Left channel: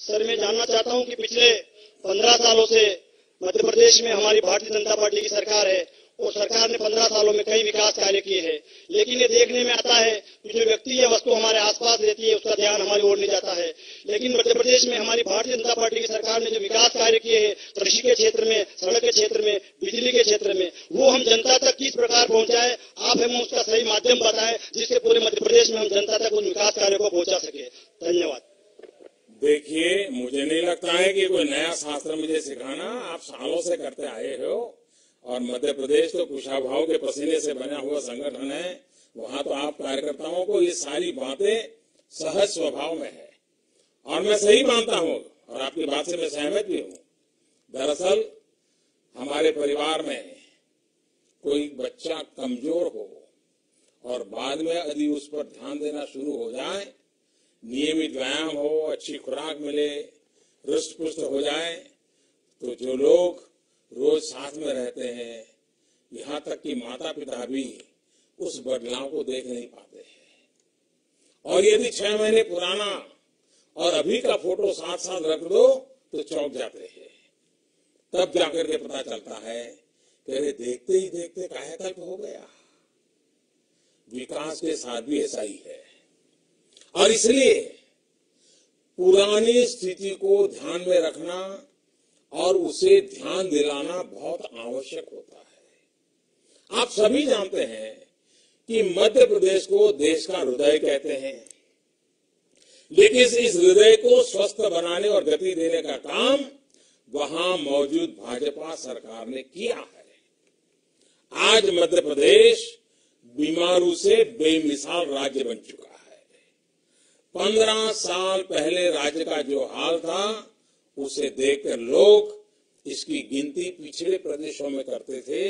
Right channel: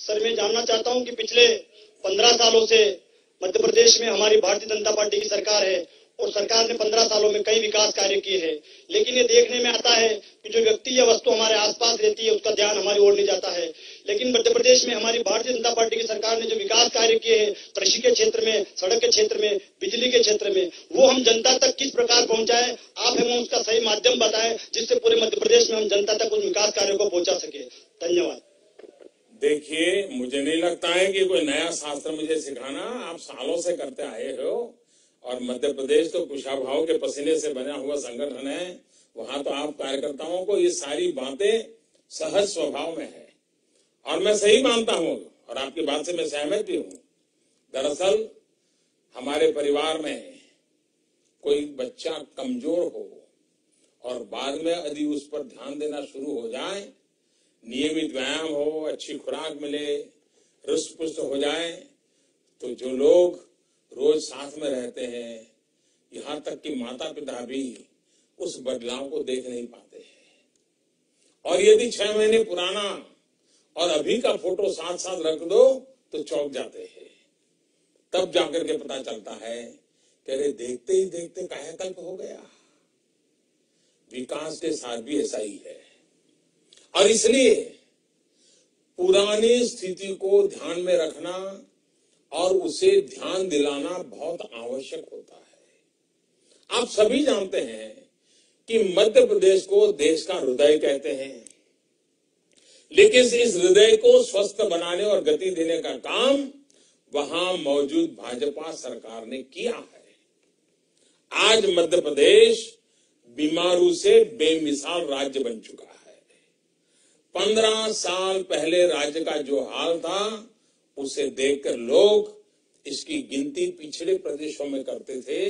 Sir, मैं जानना चाहता हूं कि पिछले 15 सालों से मध्य प्रदेश में हमारी भारतीय जनता पार्टी की सरकार है और सरकार ने 15 सालों में कई विकास कार्य किए हैं, लेकिन ये देखने में आता है कि जो व्यक्ति या वस्तु हमारे आसपास रहती है उसका ध्यान हमारी ओर नहीं जाता है। लेकिन मध्य प्रदेश में हमारी भारतीय जनता पार्टी की सरकार ने जो विकास कार्य किए हैं, कृषि के क्षेत्र में, सड़क के क्षेत्र में, बिजली के क्षेत्र में, वो हम जनता तक किस प्रकार पहुंचाए, आप हमें उसका सही माध्यम बताएं जिससे पूरे मध्य प्रदेश में हम जनता तक उन विकास कार्यों को पहुंचा सके। धन्यवाद। देखिए, मुझे नहीं लगता है कि कोई नया शास्त्र मुझे सिखाना, आप सालों से करते आए हो और मध्य प्रदेश तो कुशाभाव के पसीने से बना हुआ संगठन है। वहां तो आप कार्यकर्ताओं को ये सारी बातें सहज स्वभाव में है और मैं सही मानता हूं और आपकी बात से मैं सहमत भी हूं। दरअसल हमारे परिवार में कोई बच्चा कमजोर हो और बाद में यदि उस पर ध्यान देना शुरू हो जाए, नियमित व्यायाम हो, अच्छी खुराक मिले, रुष्ट पुष्ट हो जाए, तो जो लोग रोज साथ में रहते हैं, यहाँ तक कि माता पिता भी उस बदलाव को देख नहीं पाते हैं। और यदि 6 महीने पुराना और अभी का फोटो साथ साथ रख दो तो चौंक जाते हैं। तब जाकर के पता चलता है कि अरे देखते ही देखते कायाकल्प हो गया। विकास के साथ भी ऐसा ही है और इसलिए पुरानी स्थिति को ध्यान में रखना और उसे ध्यान दिलाना बहुत आवश्यक होता है। आप सभी जानते हैं कि मध्य प्रदेश को देश का हृदय कहते हैं, लेकिन इस हृदय को स्वस्थ बनाने और गति देने का काम वहां मौजूद भाजपा सरकार ने किया है। आज मध्य प्रदेश बीमारू से बेमिसाल राज्य बन चुका है। 15 साल पहले राज्य का जो हाल था उसे देखकर लोग इसकी गिनती पिछड़े प्रदेशों में करते थे,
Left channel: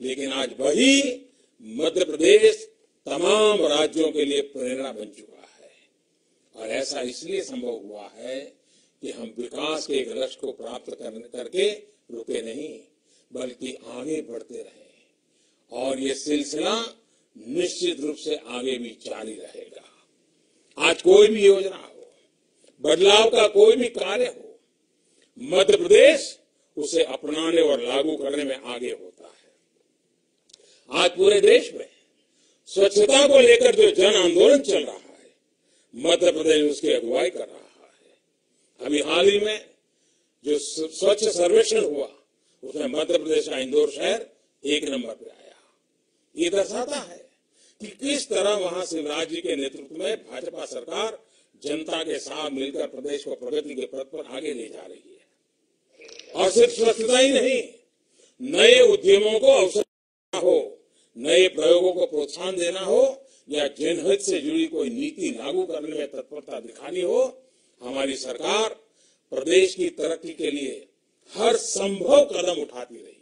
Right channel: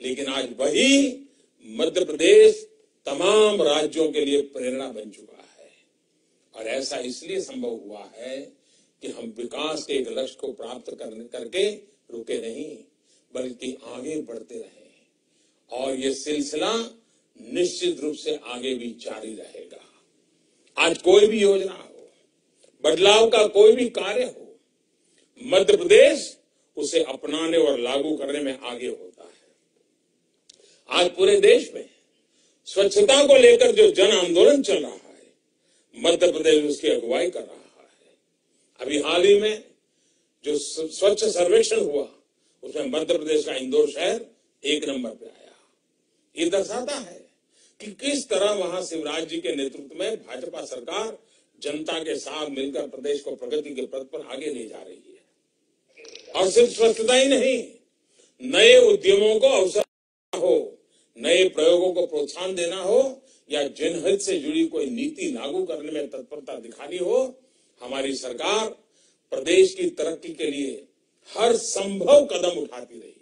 लेकिन आज वही मध्य प्रदेश तमाम राज्यों के लिए प्रेरणा बन चुका है। और ऐसा इसलिए संभव हुआ है कि हम विकास के एक लक्ष्य को प्राप्त करके रुके नहीं, बल्कि आगे बढ़ते रहे और ये सिलसिला निश्चित रूप से आगे भी जारी रहेगा। आज कोई भी योजना हो, बदलाव का कोई भी कार्य हो, मध्य प्रदेश उसे अपनाने और लागू करने में आगे होता है। आज पूरे देश में स्वच्छता को लेकर जो जन आंदोलन चल रहा है, मध्य प्रदेश उसकी अगुवाई कर रहा है। अभी हाल ही में जो स्वच्छ सर्वेक्षण हुआ उसमें मध्य प्रदेश का इंदौर शहर 1 नंबर पे आया। ये दर्शाता है कि किस तरह वहां शिवराज जी के नेतृत्व में भाजपा सरकार जनता के साथ मिलकर प्रदेश को प्रगति के पथ पर आगे ले जा रही है। और सिर्फ स्वच्छता ही नहीं, नए उद्यमों को अवसर हो, नए प्रयोगों को प्रोत्साहन देना हो या जनहित से जुड़ी कोई नीति लागू करने में तत्परता दिखानी हो, हमारी सरकार प्रदेश की तरक्की के लिए हर संभव कदम उठाती रही है।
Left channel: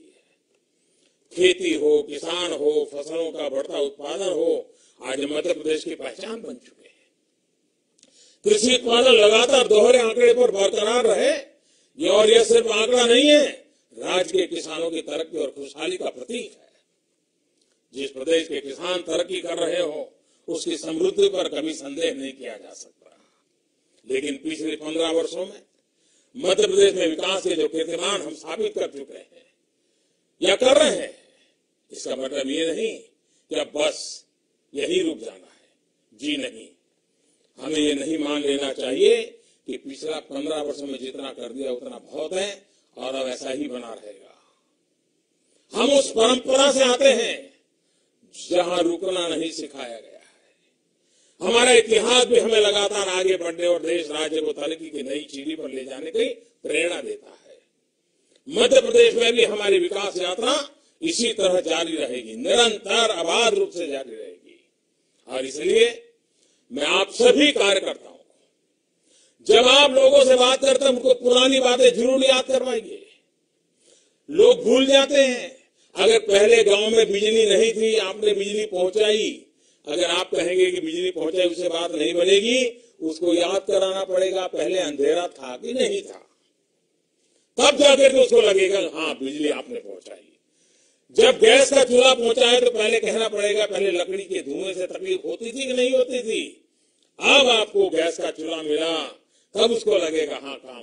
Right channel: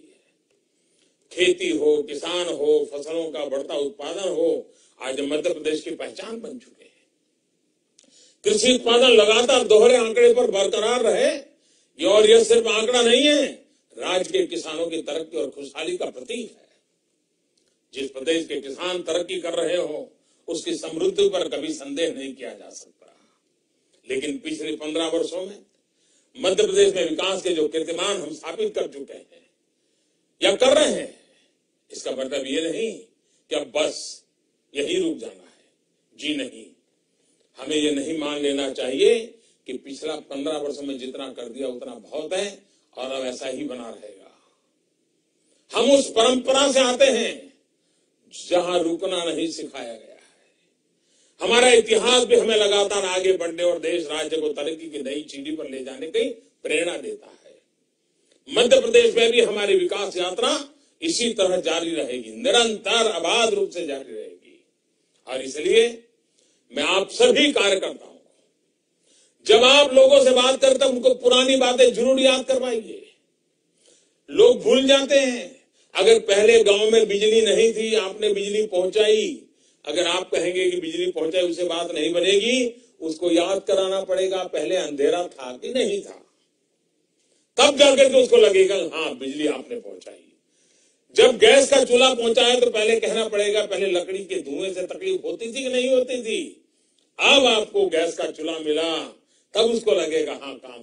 खेती हो, किसान हो, फसलों का बढ़ता उत्पादन हो, आज मध्य प्रदेश की पहचान बन चुके हैं। कृषि उत्पादन लगातार दोहरे आंकड़े पर बरकरार रहे, और यह सिर्फ आंकड़ा नहीं है, राज्य के किसानों की तरक्की और खुशहाली का प्रतीक है। जिस प्रदेश के किसान तरक्की कर रहे हो उसकी समृद्धि पर कभी संदेह नहीं किया जा सकता। लेकिन पिछले 15 वर्षों में मध्य प्रदेश में विकास के जो कीर्तिमान हम स्थापित कर चुके हैं या कर रहे हैं, इसका मतलब ये नहीं कि अब बस यही रुक जाना है। जी नहीं, हमें ये नहीं मान लेना चाहिए कि पिछला 15 वर्षों में जितना कर दिया उतना बहुत है और अब ऐसा ही बना रहेगा। हम उस परंपरा से आते हैं जहां रुकना नहीं सिखाया गया है। हमारा इतिहास भी हमें लगातार आगे बढ़ने और देश राज्य को तरक्की की नई सीढ़ी पर ले जाने की प्रेरणा देता है। मध्य प्रदेश में भी हमारी विकास यात्रा इसी तरह जारी रहेगी, निरंतर अबाध रूप से जारी रहेगी। और इसलिए मैं आप सभी कार्यकर्ताओं, जब आप लोगों से बात करते हैं उनको पुरानी बातें जरूर याद करवाइए। लोग भूल जाते हैं। अगर पहले गांव में बिजली नहीं थी, आपने बिजली पहुंचाई, अगर आप कहेंगे कि बिजली पहुंचाई उससे बात नहीं बनेगी, उसको याद कराना पड़ेगा पहले अंधेरा था कि नहीं था, तब जाकर के उसको लगेगा हाँ बिजली आपने पहुंचाई। जब गैस का चूल्हा पहुंचाए तो पहले कहना पड़ेगा पहले लकड़ी के धुएं से तकलीफ होती थी कि नहीं होती थी। अब आपको गैस का चूल्हा मिला, तब उसको लगेगा हाँ काम